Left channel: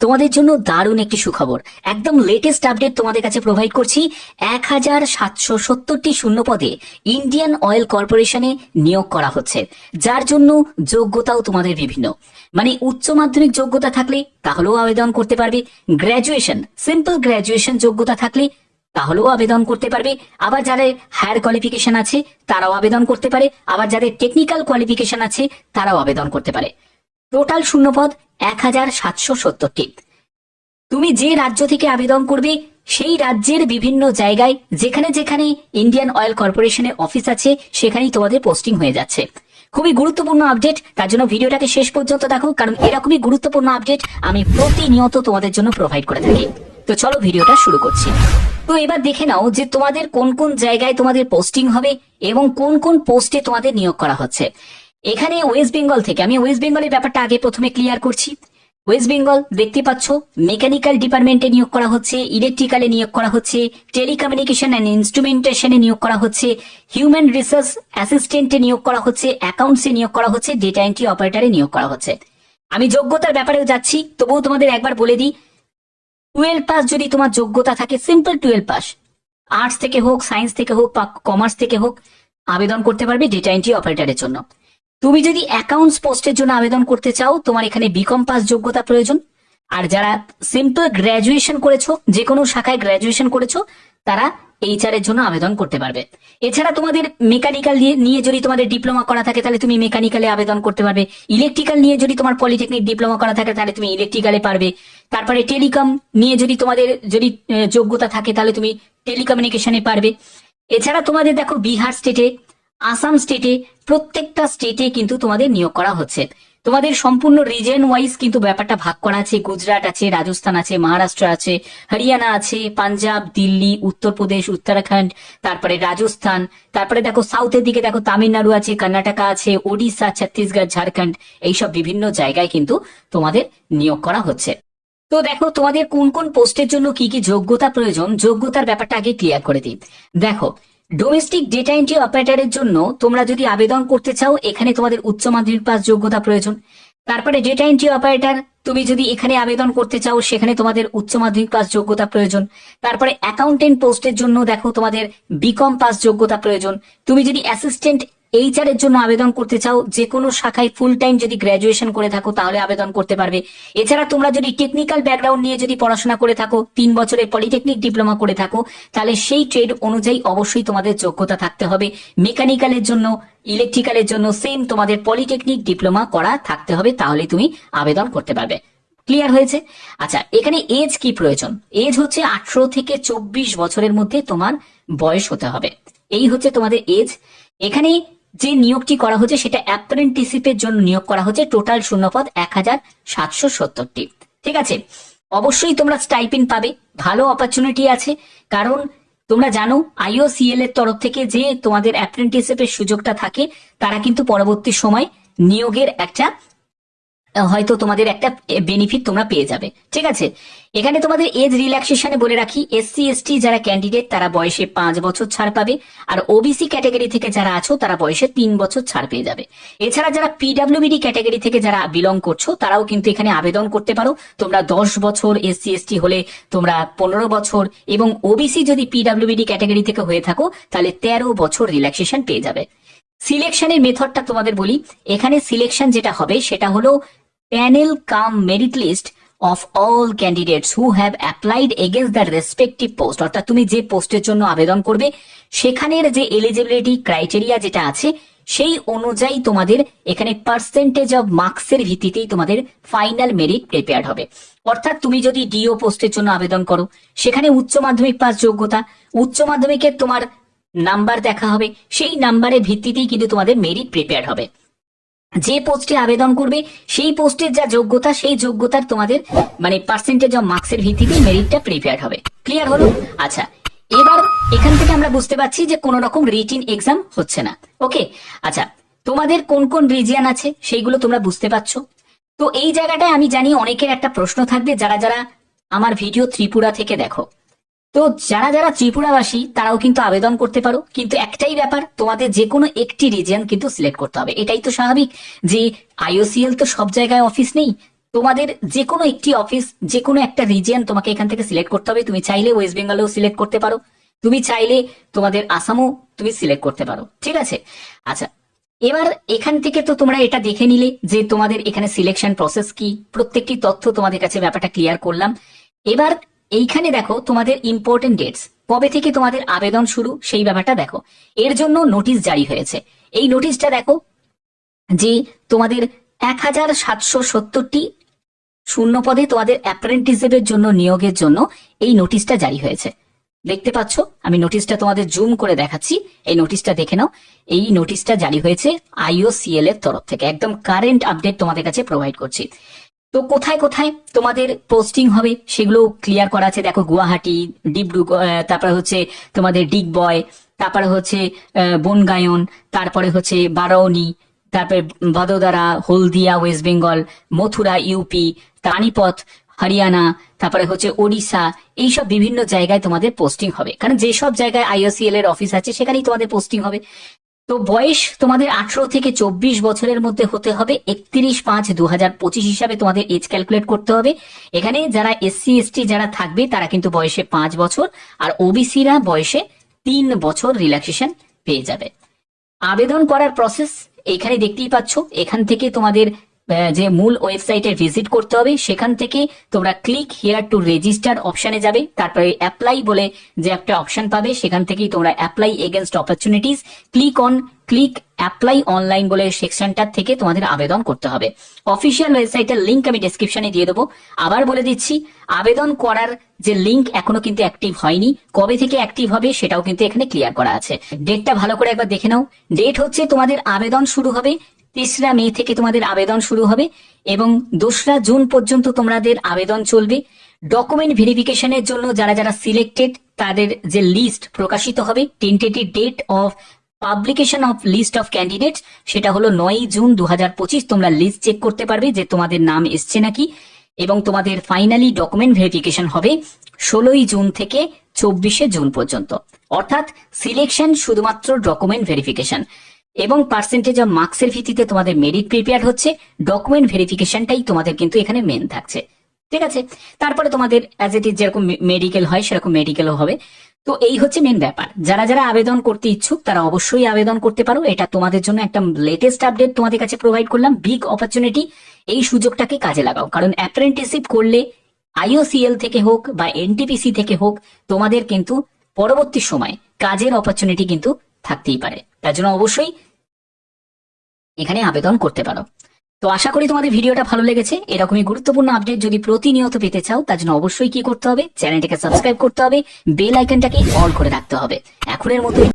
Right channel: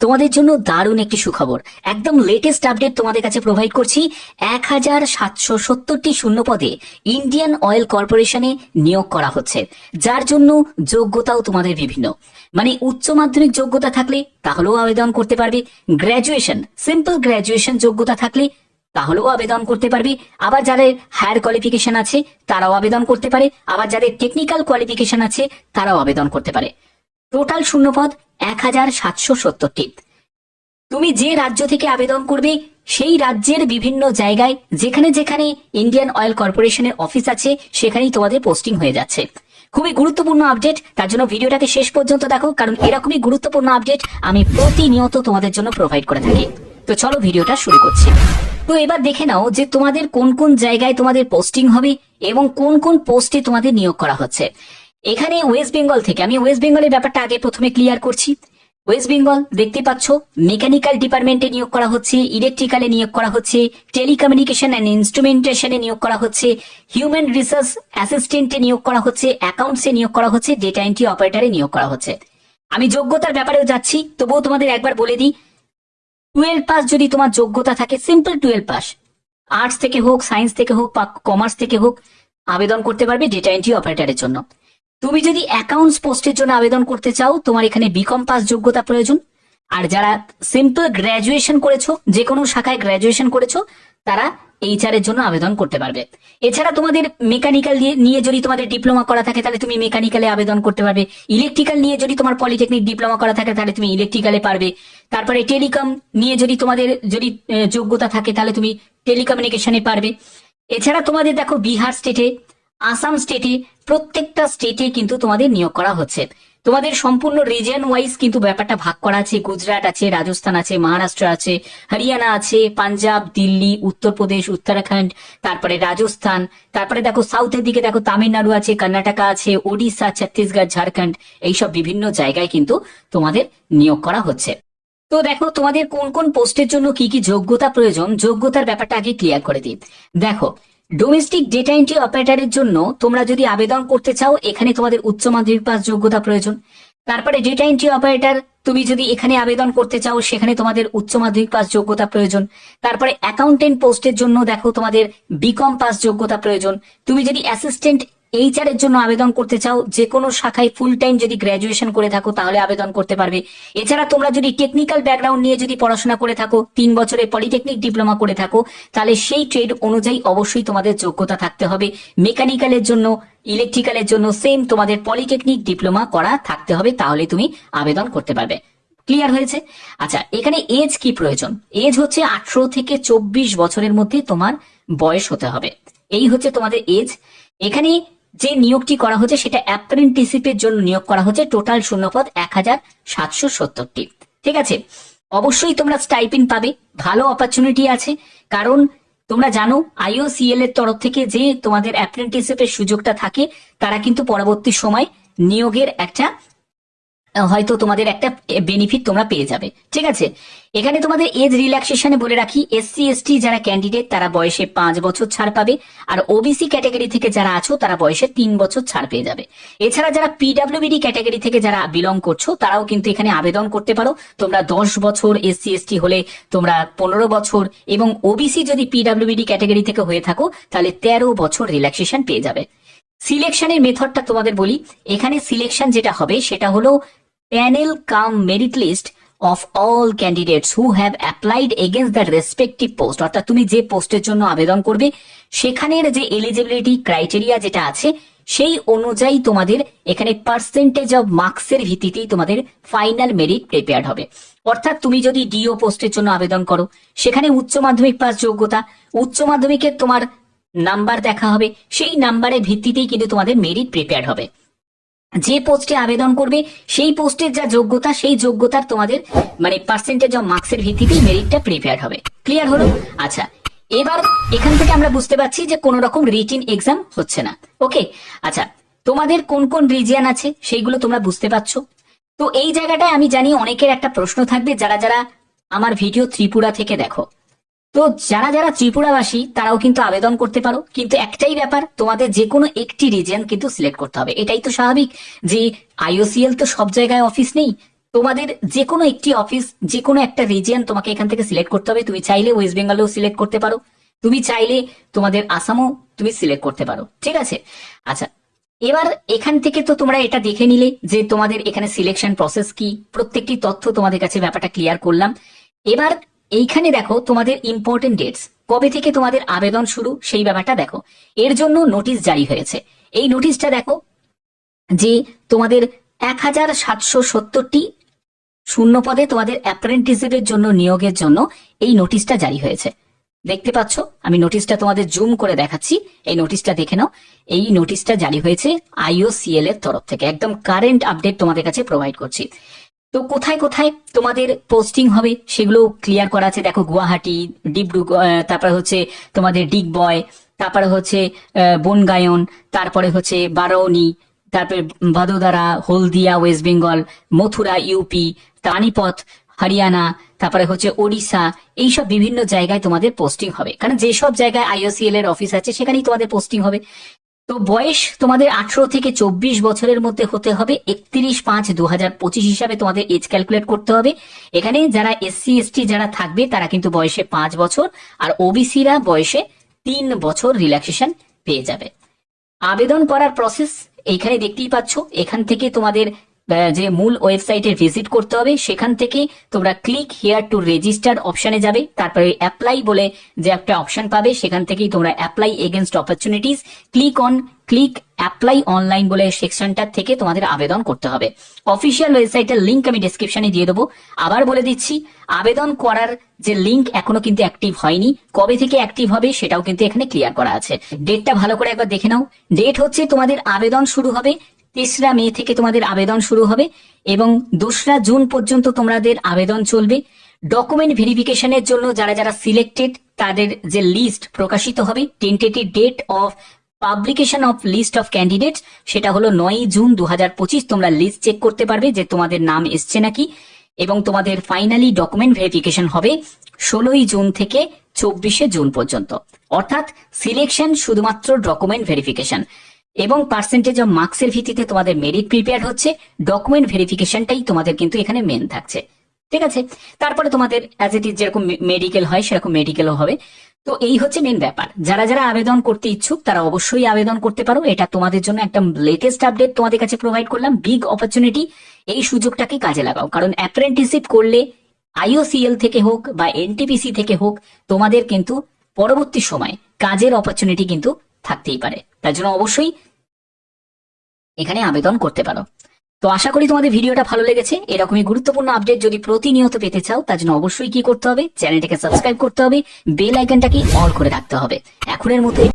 তোমাদের জন্য দারুণ একটি সুখবর। একদম লেটেস্ট আপডেট তোমাদের কাছে প্রোভাইড করছি, এক হাজার সাতশো সত্তরটি শূন্য পদে ইন্ডিয়ান অয়েল কর্পোরেশনে নিয়োগ করা হচ্ছে। যার জন্য যোগ্যতাও তোমাদের বিভিন্ন। মানে উচ্চ মাধ্যমিক যোগ্যতা থাকলে তাহলেও আবেদন করতে পারবে। গ্র্যাজুয়েশন সিম্পল গ্র্যাজুয়েশন যোগ্যতা থাকলে তাহলেও আবেদন করতে পারবে। আবার যাদের হায়ার কোয়ালিফিকেশন আছে, তারাও আবেদন করতে পারে। আবার যাদের টেকনিক্যাল কোয়ালিফিকেশন আছে, তারাও আবেদন করতে পারে। টোটাল শূন্যপদ এক হাজার সাতশো সত্তরটি। তুমি যে রাজ্য থেকে আবেদন করবে, সেই রাজ্যের বিভিন্ন জায়গায়, যেখানে যেখানে ইন্ডিয়ান অয়েল কর্পোরেশনের অফিস আছে, সেখানেই তোমাদের পোস্টিং হয়ে যাচ্ছে। খুবই গুরুত্বপূর্ণ আপডেট তার জন্য ভিডিওটাকে শেষ পর্যন্ত দেখো, কারণ এরকমই গুরুত্বপূর্ণ আপডেট আমি প্রতিনিয়ত তোমাদের জন্য প্রোভাইড করে থাকি। তো চলো ভিডিওটা শুরু করছি। তো এবার দেখে নাও যে তোমাদের কোন কোন জায়গায় তোমাদের পোস্টিং হবে এবং কোন কোন পোস্টে তোমাদের নিয়োগ করা হচ্ছে। এখানে ওয়েস্ট বেঙ্গল থেকে, আমি ওয়েস্ট বেঙ্গলের ব্যাপারটা আগে প্রথমে ক্লিয়ার করছি। ওয়েস্ট বেঙ্গল দেখতে পাচ্ছ মেকানিক্যাল ডিপার্টমেন্টে নিয়োগ করা হচ্ছে ইলেকট্রিক্যালে নিয়োগ করা হচ্ছে টেলিকমিউনিকেশন অ্যান্ড ইনস্ট্রুমেন্টেশনে নিয়োগ করা হচ্ছে হিউম্যান রিসার্চ অ্যাসিস্ট্যান্টে নিয়োগ করা হচ্ছে অ্যাকাউন্টসে নিয়োগ করা হচ্ছে ডেটা এন্ট্রি অপারেটরে নিয়োগ করা হচ্ছে। আমি যোগ্যতার ব্যাপারেও যাচ্ছি, তবুও তোমাদের একবার বলে দিই টুয়েলভ পাস যদি তোমার যোগ্যতা থাকে সিম্পল টুয়েলভ পাস আর্টস থেকে হোক সায়েন্স থেকে হোক বা কমার্স থেকে হোক, আবেদন করতে পারবে ডেটা এন্ট্রি অপারেটরের জন্য। তুমি যদি অ্যাকাউন্টস পোস্টের জন্য আবেদন করতে চাও, তোমার এখানে বিকম পাস যোগ্যতা প্রয়োজন। আর যারা সিম্পল গ্র্যাজুয়েশন করেছ যে কোনো শাখায় গ্র্যাজুয়েশন করেছ, তারা এইচআর এর জন্য আবেদন করতে পারবে। এছাড়া তোমাদের মেকানিক্যাল নিয়ে যদি তোমাদের ডিপ্লোমা করা থাকে, তাহলে তুমি মেকানিক্যালে আবেদন করতে পারবে। ইলেকট্রিক্যাল নিয়ে যদি তোমার পলিটেকনিক ডিপ্লোমা করা থাকে, তাহলে তুমি ইলেকট্রিক্যালে পারবে। তারপরে টেলিকম নিয়ে যদি তোমাদের, যদি যোগ্যতা থাকে, তাহলে তুমি টেলিকমিউনিকেশনে পারবে। এছাড়া তোমাদের দেখো বিহার স্টেটে আসাম স্টেটে প্রত্যেকটা স্টেটে কিন্তু তোমাদের নিয়োগ করা হচ্ছে। তোমাদের সম্পূর্ণ রিজন ওয়াইজ কিন্তু ব্যাপারটা ভাগ করা আছে। গুজরাট আছে, রাজস্থান আছে, মহারাষ্ট্র আছে, হরিয়ানা আছে, পাঞ্জাব, দিল্লি, উত্তরপ্রদেশ, উত্তরাখণ্ড, তারপরে রাজস্থান, তারপরে দেখো সাউথের দিকে দেখো তামিলনাড়ু আছে, কর্ণাটকা আছে, ওডিশা, ছত্তিশগড়, ঝাড়খণ্ড, এইসব বিভিন্ন জায়গায় কিন্তু তোমাদের নিয়োগ করা হচ্ছে। তো দেখো তোমাদের কোন কোন পোস্টের জন্য কি কি যোগ্যতা প্রয়োজন? যোগ্যতার ব্যাপারটা আগে ক্লিয়ার করে দিই। দেখো ডোমেস্টিক ডেটা এন্ট্রি অপারেটরের জন্য তোমরা যদি আবেদন করতে চাও, এখানে তোমাদের উচ্চ মাধ্যমিক পাস যোগ্যতা প্রয়োজন। তারপরে ডেটা এন্ট্রি অপারেটর তুমি যদি এখানে আবেদন করতে চাও, সেখানে তোমাদের উচ্চ মাধ্যমিক পাস যোগ্যতা প্রয়োজন। তারপরে অ্যাকাউন্টেন্ট পোস্টের জন্য দেখো তোমাদের বিকম পাস যোগ্যতা প্রয়োজন। তুমি যদি অ্যাসিস্ট্যান্ট এইচআর এর জন্য আবেদন করতে চাও যে কোনো শাখায় ফুল টাইম যদি গ্র্যাজুয়েশন করে থাকো, তাহলে আবেদন করতে পারবে। এছাড়া তোমরা যদি টেকনিক্যাল ব্যাকগ্রাউন্ড নিয়ে যদি পড়াশোনা করে থাকো, তিন বছরে পলিটেকনিক ডিপ্লোমা করে থাকো, তাহলে সেই ট্রেড অনুযায়ী অবশ্যই তোমাদের যোগ্যতা থাকতে হবে। মেকানিক্যালের জন্য ইলেকট্রিক্যালের জন্য সেম তোমাদের পলিটেকনিক ডিপ্লোমা করা থাকতে হবে, তাহলে তুমি আবেদন করতে পারবে। ক্লিয়ার হয়েছে? আচ্ছা এখানে এজ কি প্রয়োজন? এজ হচ্ছে আঠারো থেকে চব্বিশ বছরের মধ্যে তোমার বয়স হতে হবে। এই হচ্ছে তোমাদের এজ এখানে যে নিয়োগটি করা হচ্ছে, সেটা অ্যাপ্রেন্টিসিপের জন্য নিয়োগ করা হচ্ছে। টোটাল শূন্যপদ এক হাজার সাতশো সত্তরটি। ঠিক আছে? অবশ্যই তোমরা স্টাইপিন পাবে। ভালো অপরচুনিটি আছে। কারণ তোমরা জানো আইওসিএল এর তরফ থেকে যে তোমাদের অ্যাপ্রেন্টিসিপের সুযোগটা থাকে, তারা কিন্তু পরবর্তী সময় নিয়োগের একটা হয়তো তোমাদের একটা বেনিফিট তোমরা পেয়ে যাবে। ঠিক আছে? এখানে তোমাদের এজ রিল্যাক্সেশনে বলে রাখি এসসি এসটি যারা ক্যান্ডিডেট তারা বয়সে পাঁচ বছর ছাড় পাবে আর ওবিসি ক্যাটাগরি থেকে যারা আছো তারা বয়সে তিন বছর ছাড় পেয়ে যাবে। এছাড়া যারা পিডাব্লিউবিডি ক্যাটাগরি থেকে যারা বিলং করছ তারাও কিন্তু এখানে আবেদন করতে পারো। তোমরা দশ বছর এসসি এসটি হলে তোমরা পনেরো বছর এবং ওবিসি যদি পিডাব্লিউবিডি ক্যাটাগরি থেকে হয়ে থাকো তাহলে তেরো বছর রিল্যাক্সেশন পেয়ে যাবে। সিলেকশনের মেথডটা তোমাদের বলি। এখানে সিলেকশন যেটা হবে সেটা হলো panel cum merit list of all candidates who have applied against the respective post অর্থাৎ তুমি যে পোস্টের জন্য আবেদন করবে, সেখানের যে এলিজিবিলিটি ক্রাইটেরিয়া যেটা আছে, সেই অনুযায়ী তোমাদের এখানে পার্সেন্টেজ অফ মার্কসের ভিত্তিতেই তোমাদের ফাইনাল মেরিট প্রিপেয়ার্ড হবে। অর্থাৎ তুমি যদি ডিও পোস্টের জন্য আবেদন করো, সেখানে উচ্চ মাধ্যমিক পাস যোগ্যতা, উচ্চ মাধ্যমিকের তোমার নাম্বার দেখা হবে, সেই নাম্বারের ভিত্তিতেই কিন্তু তোমাদের মেরিট প্রিপেয়ার হবে। যে পোস্টে আবেদন করবে, সেই পোস্টের যা যোগ্যতা, সেই যোগ্যতার তোমাদের মানে পার্সেন্টেজ অফ মার্কসের ভিত্তিতেই মেরিটটা প্রিপেয়ার হবে। ক্লিয়ার হলো? আচ্ছা এবার এখান থেকে আমরা বুঝতে পারছি যে কোন রকম রিটিন এক্সাম হচ্ছে না। ওকে আচ্ছা তোমাদের কোন কোন রিজিয়ান আছে? সেইগুলো তোমরা বুঝতে পারছ। তো এই জায়গাটায় আমি জানি অনেকের একটা প্রশ্ন থাকবে, যারা যারা আমার ভিডিও ত্রিপুরা থেকে দেখো। তো যারা যারা ত্রিপুরাবাসী, তারাও কিন্তু আবেদন করতে পারো। কিন্তু একটাই ব্যাপার, তোমাদের যে কোনো একটি রিজিয়ন কিন্তু সিলেক্ট করতে হবে। এটাই তো স্বাভাবিক যে আইওসিএল তো সব জায়গায় অফিস নেই। তোমাদের যে কোনো একটি অফিস যে কোনো একটা রিজিয়ন তোমাকে এখান থেকে সিলেক্ট করতে হবে। তুমি চাইলে ওয়েস্ট বেঙ্গলেও সিলেক্ট করতে পারো। তুমি চাইলে তোমাদের আসামও তুমি সিলেক্ট করতে পারো। ঠিক আছে? আচ্ছা এবার এখান থেকে তো তোমরা এটা দেখে নিলে যে তোমাদের এখানে সিলেকশন প্রসেস কি। প্রত্যেকটি তথ্য তোমাদের কাছে ব্যাপারটা ক্লিয়ার করলাম। এবার এইখানে দেখো তোমাদের ইম্পর্টেন্ট ডেটস কবে থেকে তোমাদের আবেদন শুরু, সেই ব্যাপারটা দেখো। এর জন্য নোটিশ জারি হয়েছে। এই নোটিশটা দেখো যে তোমাদের এক হাজার সাতশো সত্তরটি শূন্য পদে তোমাদের অ্যাপ্রেন্টিসের জন্য, নিয়োগের জন্য এই নোটিশটা জারি হয়েছে। দেখতে পাচ্ছ? আমি নোটিশটা তোমাদের জুম করে দেখাচ্ছি। এই নোটিশটা দেখে নাও। এই নোটিশটা জারি হয়েছে আইওসিএল এর তরফ থেকে। একদম কারেন্ট আপডেট তোমাদের কাছে প্রোভাইড করছি। তো কোথায় কোথায় তোমাদের পোস্টিং হবে সেগুলো ক্লিয়ার করা আছে? দেখো গুয়াহাটি ডিব্রুগড় তারপরে হচ্ছে তোমাদের ডিগবয় তারপরে হচ্ছে বনগায়ন, তারপরে হচ্ছে বারৌনি তারপরে Vadodara, Haldia, West Bengal, Mathura, UP Panipat Haryana, তারপরে হচ্ছে ওড়িশা, এইসব বিভিন্ন জায়গায় তোমাদের পোস্টিং হবে। কারণ যেসব জায়গায় আইওসিএল এর অফিস আছে, সেখানেই তোমাদের পোস্টিং হবে। তো বয়স তোমাদের আঠারো থেকে চব্বিশ বছরের মধ্যে হতে হবে। একত্রিশ পাঁচ দু হাজার পঁচিশ হিসাবে তোমাদের এজ ক্যালকুলেট করতে হবে। এখানে যারা এসসি এসটি যারা থাকবে, তারা কিন্তু বয়সে পাঁচ বছর। আর ওবিসিরা বয়সে তিন বছর রিল্যাক্সেশন পেয়ে যাবে। আবেদন করার প্রসেস এইখানে দেখতেই পাচ্ছ। এখান থেকে তোমাদের যে মূল ওয়েবসাইটে ভিজিট করতে হবে, সেখান থেকে তোমরা ক্লিক হিয়ার টু রেজিস্টার অপশনে যাবে। তারপরে অ্যাপ্লাই বলে যে একটা অপশন পাবে, সেখান থেকেই তোমরা apply against opportunities click on click apply online বলে সেকশনটার থেকে তোমাদের আবেদন করতে হবে। অফিসিয়াল ওয়েবসাইটের লিঙ্ক আমি ডেসক্রিপশনে দিয়ে দেবো। আবার বলে দিচ্ছি, আবেদন করার যে লিঙ্ক এখনও কিন্তু অ্যাক্টিভ হয়নি। কবে থেকে অ্যাক্টিভ হবে সেটাও কিন্তু এখানে ক্লিয়ার করা আছে। ডেটটা ভালো করে একবার দেখে নাও। ডেট হচ্ছে তোমাদের আবেদন শুরু হবে তেসরা মে থেকে তোমাদের আবেদন শুরু হবে এবং দোসরা জুন পর্যন্ত তোমাদের আবেদন চলবে। ডকুমেন্ট ভেরিফিকেশনের জন্য যারা যারা সিলেক্টেড তাদের যে লিস্ট প্রকাশিত হবে tentative date of publication of list of candidate সেটা হলো নয় জুন দুহাজার পঁচিশ। তোমরা লিস্ট চেক করতে পারবে যে তোমাদের নাম এসছে নাকি এবং তোমাদের ফাইনালি ডকুমেন্ট ভেরিফিকেশন হবে ষোলোই জুন থেকে চব্বিশে জুন পর্যন্ত। অর্থাৎ সিলেকশন শুধুমাত্র ডকুমেন্ট ভেরিফিকেশন এবং পার্সেন্টেজ অফ মার্কসের ভিত্তিতে তোমাদের মেরিট প্রিপেয়ার হচ্ছে ডকুমেন্ট ভেরিফিকেশনটাই তোমাদের কিন্তু এখানে মেন থাকছে। ঠিক আছে? তারপরে তোমাদের অ্যাজ ইট ইজ যেরকম মেডিকেল হয়, সেরকম মেডিকেলও হবে। তো এই হচ্ছে মেন ব্যাপার। যারা যারা আবেদন করতে ইচ্ছুক, তারা অবশ্যই আবেদন করতে পারো। এটা তোমাদের জন্য একটা লেটেস্ট আপডেট তোমাদের কাছে প্রোভাইড করলাম। বিগ অপরচুনিটি এই সুযোগটাকে কাজে লাগাও। কারণ অ্যাপ্রেন্টিসিপ করলে আইওসিএল থেকে হোক বা এনটিপিসি থেকে হোক, তোমাদের কিন্তু পরবর্তী সময় কাজের অপরচুনিটি কিন্তু থাকতেই পারে। তার জন্য অবশ্যই এখানে আবেদন করতে পারো। তো আশা করি তোমাদের ভিডিওটা ভালো লেগেছে। এরকমই গুরুত্বপূর্ণ আপডেট যদি প্রতিনিয়ত পেতে চাও, তার জন্য অবশ্যই কি করতে হবে? চ্যানেলটাকে সাবস্ক্রাইব করতে হবে। বেল আইকনটাকে অন করে রাখতে হবে। এখনের মতো